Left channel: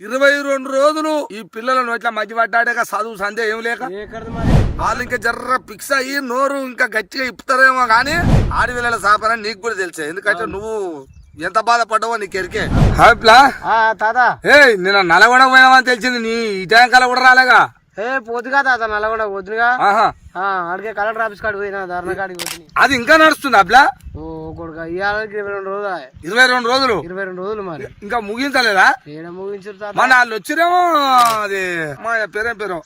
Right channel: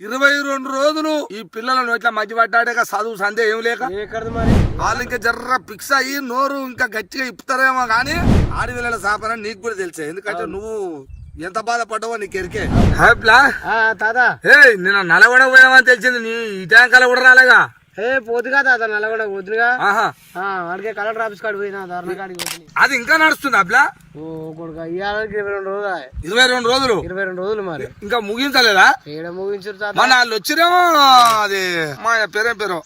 22 రోజులు ఈ పిల్లలను ఇట్లా మధ్య పడ్డాక చదువు సందే ఏం లేక మరి వాళ్ళు ఇంకా జర్ర ఫిక్స్ అయ్యి నోరు ఇంకా గట్టిగా ఇప్పుతారేమో గానీ ఆడపిల్లల సాపన నీకు కూడా తెలుసా, ఎందుకంటే నువ్వు ఎంత బాధపడ్డావో నీకు ఎరికే. తాత నిన్న నల్గొండ పోయినామని తెలిసింది, నీ ఇటాంకాల కూడా రాలేగా. పోతుగా తాత నల్లగొండ పోతుగా అడిగే కలెక్టర్ ఆఫీస్ కాడికి పోయినా, ధర్నా కాడికి పోతుంది. అది ఇంకా నడుస్తుంది అబ్లా? ఓ కొడుక ఇవాళకి 22 రోజులు. 22 రోజులు 22 రోజులు మరి ఇంకా ముగించలేదా? ఏడ ముగించారు మన వాళ్ళు వచ్చిరేమో. అది మా పేరేం పేరు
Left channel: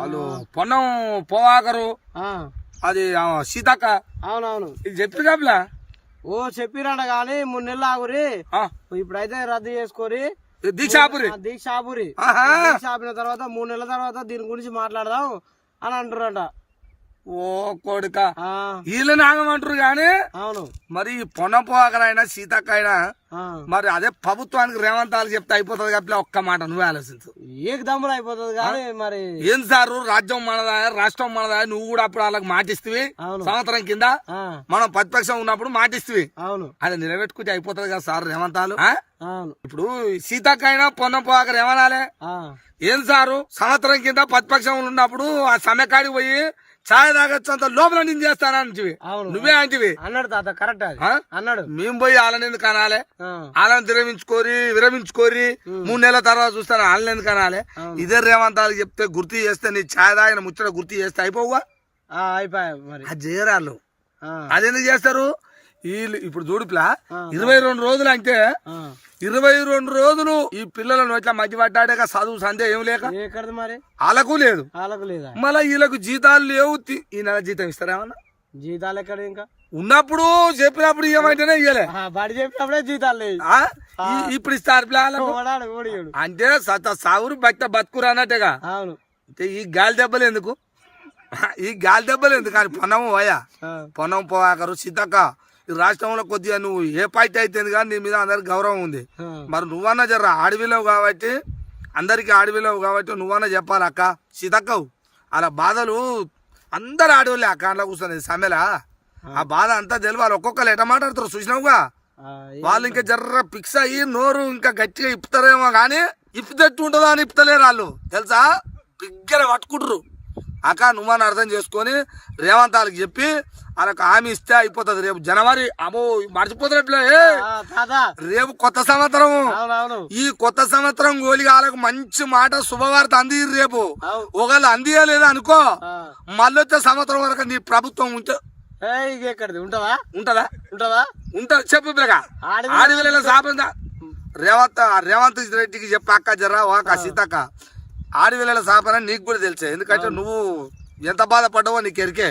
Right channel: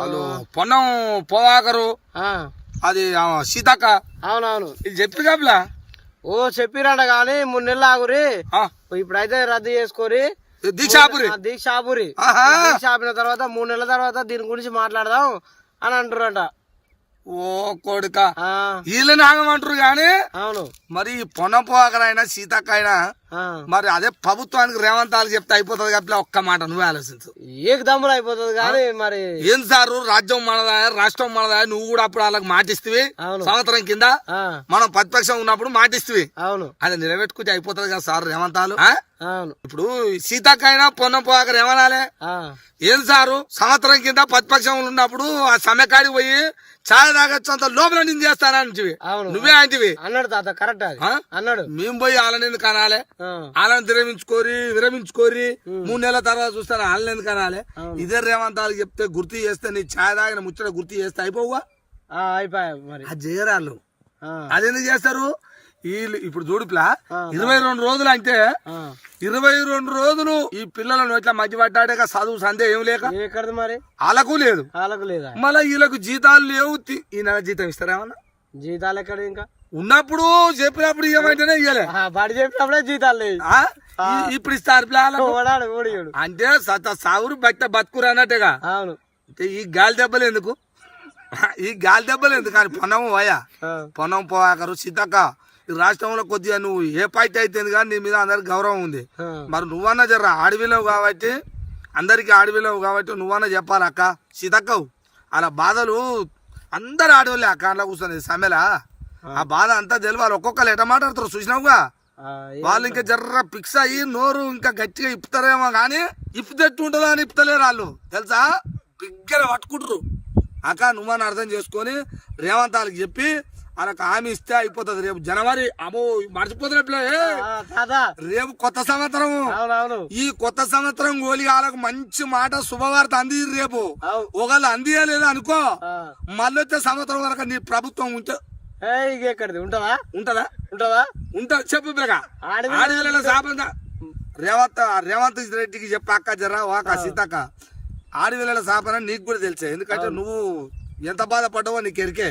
వాళ్ళు పొన్నం పోవాకరు, అది సీతక్క. అవునవును ఇది చెప్పి కబ్లా? ఓ చెప్పిరాట గాని 3 నెలలు ఆగురి, ఇప్పుడైతే రద్దు చేసుకోరి దీక్షాపురి. దీక్షాపురి ఆపిన తర్వాత 3 నెలల తర్వాత దీని గురించి మాట్లాడదాం అని అంటారట. ఓ కొడుక వీళ్ళని ఆగమంటారు గాని అవును మరి పొన్నం పోవాకరైనా సీతక్క అయినా మరి అదే ప్రభుత్వానికి రేవంత్ వాళ్ళకి చెప్తే అయిపోతుంది కాబట్టి ఒక్క మాట నువ్వే ఆలోచించు. ఏక దమ్ములు అయిపోతుంది కానీ మరి ఏం సారు, రాజ్యం మనదా రాష్ట్రం మనదా, నువ్వు కూడా అప్పుడు వాళ్ళకి మాటిస్తువి. సంవత్సరం కింద మనం ప్రతిపక్షం ఉన్నప్పుడు మాటిస్తువి. అవును అది నిలబెట్టుకుంటే అయిపోతుంది కదా సార్ రేవంత్ వాళ్ళు. అవును ఇప్పుడు సీతక్క అయినా పొన్నం పోవాకరు ఏమనాలే, ఏం సారు సంవత్సరం కింద ప్రతిపక్షం ఉన్నప్పుడు ఆ సమ్మెకాడికి పోయి ఛాయ్ తాగొచ్చు అంత లోపల నేను చేస్తానంటివి, నువ్వే అంటివి అన్నాడు తాత. కరెక్ట్ అన్నాడు. మేము పోయి వాళ్ళని ఎందుకు అనాలే, వాళ్ళని విరమించుకోరి 3 నెలల తర్వాత చూస్తాను వాళ్ళని ఎందుకు అనాలే. ఇదే రేవంత్ వాళ్ళకి చెప్తే గుర్తు చేస్తే నీ ఛాయ్ తాగిన ముచ్చట గుర్తు చేస్తే అయిపోవా? అయిపోయా మరి అది చేయరాళ్ళు. అదెందుకు చేస్తారు వీళ్ళు? ఇప్పుడు చూడుపులా 22 రోజులు అంటే 22 రోజులు ఈ పిల్లలను ఇట్లా మధ్య పడ్డాక చదువు సందే ఏం లేక మరి వాళ్ళకు లేదు, మళ్ళీ వీళ్ళకు జీతాలు లేవు. ఈ నెల జీతం ఇస్తారేమన్నా? జీతాలు ఎక్కడ ఇంకా ఉన్నప్పుడు చెప్పినప్పుడు ఏమంటేనే ఇయ్యలే, బడి చెప్పినప్పుడే జీతాలు లేదు. ఇప్పుడు ఇస్తారు అంటే సాగురు బతుకురు అన్నట్టుగా. అవును అంటే ఈ గాలి దెబ్బలు ఎందుకు, కానీ పొన్నం పోయా పొన్నం పోవాకరు సీతక్క. ఈ రాష్ట్రంలో కొద్దిగా నువ్వు ఏ పార్టీ అయితే కానీ నీ మీద అందరికి గౌరవం ఉంది. మరి నువ్వన్నా జర ఆడవిలేవు కాబట్టి, అందరికి ఆడవిలేవు కాబట్టి నువ్వన్నా చెప్పాలి అక్క సీతక్కవు. అలా బాధలు అందరు ఆడవాళ్ళే అక్క అట్లా కూర్చొని సమ్మెలా ఆ బాధ అంతా తెలియాలి. ఒక్కొక్కరు ఎట మాట్లాడతారు చూసినావుగా. వాళ్ళు ఇంకా జర్ర ఫిక్స్ అయ్యి నోరు ఇంకా గట్టిగా ఇప్పుతారేమో గానీ ఇప్పుతెట్టు ఉంటుందో అని ఇప్పుతలేరు వాళ్ళు, తెలుసా? బిగ్గర పట్టుకుంటారు. అక్క నువ్వని అర్థం చేసుకొని రేవంత్ వాళ్ళకి చెప్పి వాళ్ళకి హామీ ఇస్తే అయిపోతుంది. రేపు జనవరి అమ్మో మర్చిపోతున్నట్లే, రేపు కొత్త సంవత్సరం. ఈ కొత్త సంవత్సరం గోలి వాళ్ళకి మంచి మాట శుభవార్త అంది. రేపు ఒకవేళ అందియలేదు అనుకో, మళ్ళీ వచ్చే సంవత్సరం వరకు నీ ప్రభుత్వం ఉంటే ఉంటదా చెప్పు ఆడపిల్లల సాపంగా రేవంత్ రెడ్డికి చెప్పి అక్క జర్రా వాక సీతక్క ఆడపిల్లల సాపన నీకు కూడా తెలుసా, ఎందుకంటే నువ్వు ఎంత బాధపడ్డావో నీకు ఎరికే.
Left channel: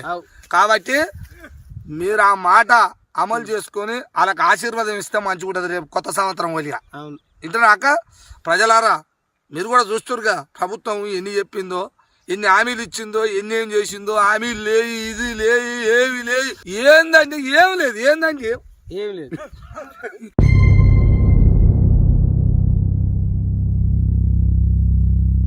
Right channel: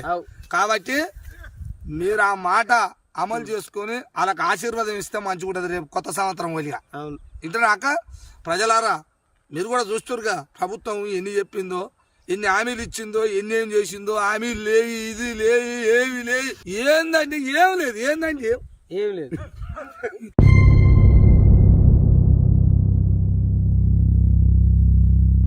కాబట్టి మీరు ఆ మాట అమలు చేసుకుని వాళ్ళకి ఆశీర్వాదం ఇస్తే మంచిగా ఉంటుంది రేపు కొత్త సంవత్సరం వలిగా. ఇంతనాక ప్రజలారా మీరు కూడా చూస్తురుగా ప్రభుత్వం ఎన్ని చెప్పిందో, ఎన్ని హామీలు ఇచ్చిందో, ఎన్ని ఏం చేసిందో. హామీలు లేవు, ఇది లేదు, ఏమి లేదు, ఏందంటే ఏం లేదు.